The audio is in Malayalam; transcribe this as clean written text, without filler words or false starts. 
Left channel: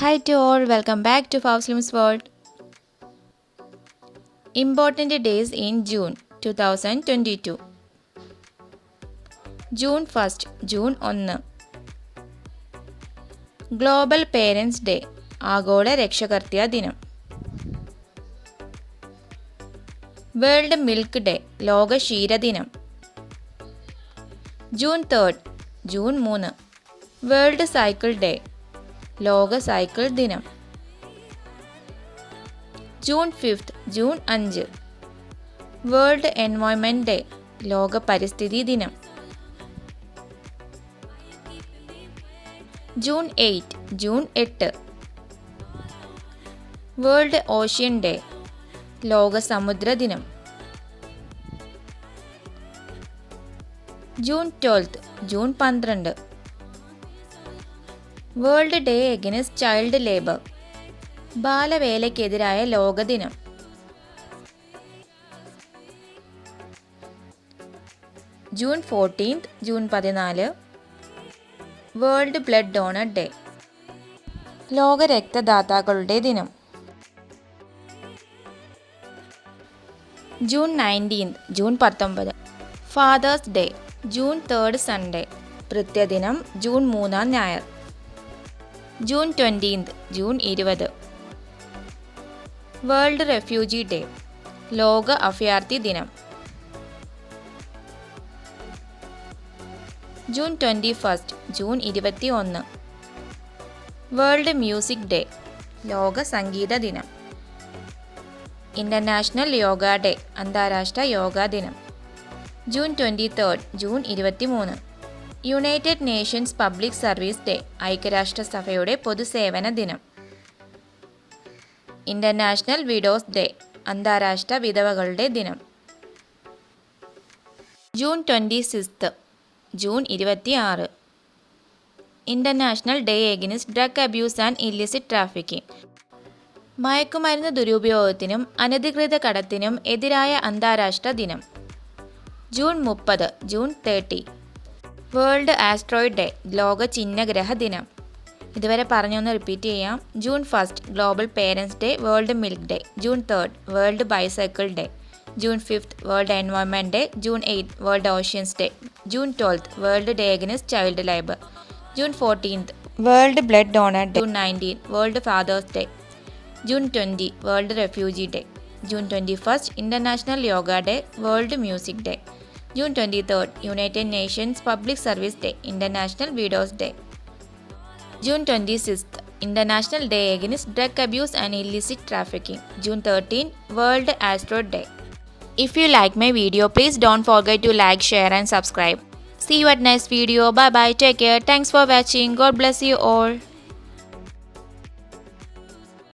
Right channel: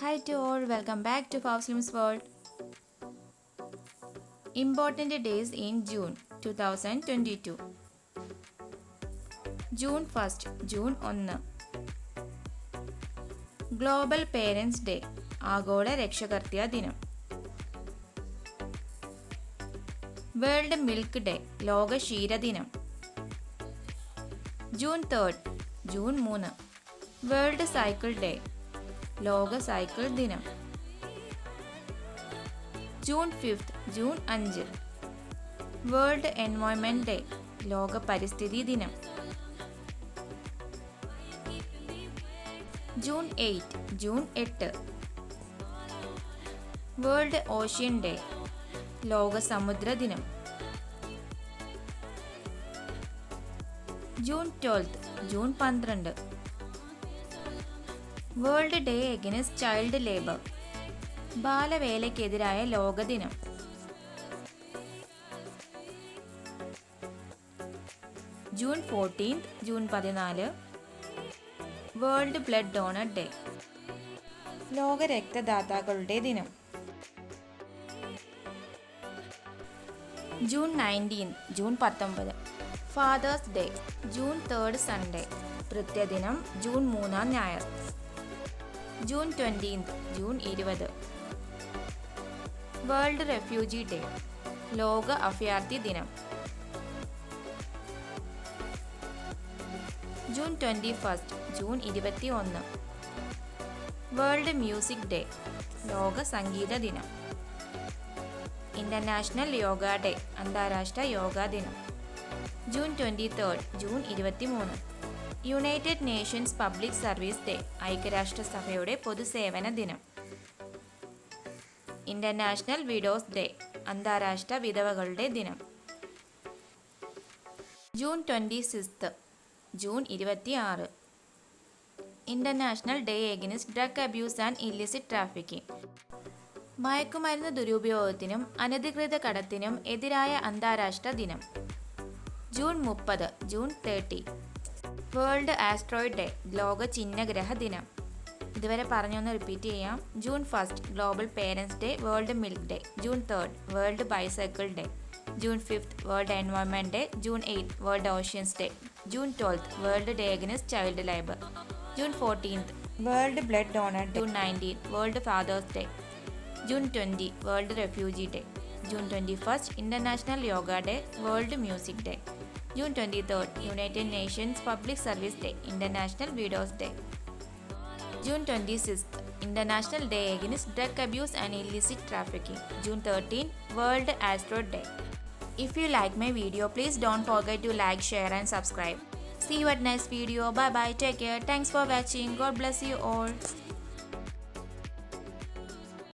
Hi to all, welcome back to FouzLimz World. Important days in June 2022. June 1st, June 1. Global Parents Day, ആഗോള രക്ഷകർതൃ ദിനം. വേൾഡ് മിൽക്ക് ഡേ, ലോക ക്ഷീരദിനം. June 3rd, June 3. World cycle day, ലോക സൈക്കിൾ ദിനം. June 5th, June 5. World environment day, ലോക പരിസ്ഥിതി ദിനം. June 8, June 8. World ocean day, ലോക സമുദ്ര ദിനം. June 12th, June 12. World day against child labour, ബാലവേലയ്ക്കെതിരായ ലോകദിനം. June 14th, June 14. World blood donor day, ലോക രക്തദാതാക്കളുടെ ദിനം. June 19th, June 19. Father's day, June 3rd Sunday, കൃത്യദിനം ജൂൺ 3 ഞായർ. June 20th, June 20. World refugee day, ലോക അഭയാർത്ഥി ദിനം. June 21st, June 21. World music day, ലോക സംഗീത ദിനം. ഇന്റർനാഷണൽ യോഗ ഡേ, അന്താരാഷ്ട്ര യോഗാ ദിനം. June 23rd, June 23. United nations public service day, ഐക്യരാഷ്ട്രസഭയുടെ പൊതുസേവന ദിനം. ഇന്റർനാഷണൽ വിഡോസ് ഡേ, അന്താരാഷ്ട്ര വിധവകളുടെ ദിനം. June 26th, June 26. International day against drug abuse and illicit trafficking, മയക്കുമരുന്ന് ദുരുപയോഗത്തിനും അനധികൃത കടത്തിനും എതിരായ അന്താരാഷ്ട്ര ദിനം. June 30, June 30. World asteroid day, ലോക ചിഹ്നഗ്രഹ ദിനം. ഇതുവരെ പറഞ്ഞൊന്ന് റിപ്പീറ്റ് ചെയ്യാം. June 1st, global parents day, world milk day. June 3rd, world bicycle day. June 5th, world environment day. June 8th, world oceans day. June 12th, world day against child labour. June 14th, world blood donor day. June 19, world father's day. June 20, world refugee day. June 21st, international yoga day, world music day. June 23rd, united nations public service day, international widows day. June 26th, international day against drug abuse and illicit trafficking. June 13, world asteroid day. If you like my video, please don't forget to like, share and subscribe. See you at next video. Bye bye. Take care. Thanks for watching. God bless you all.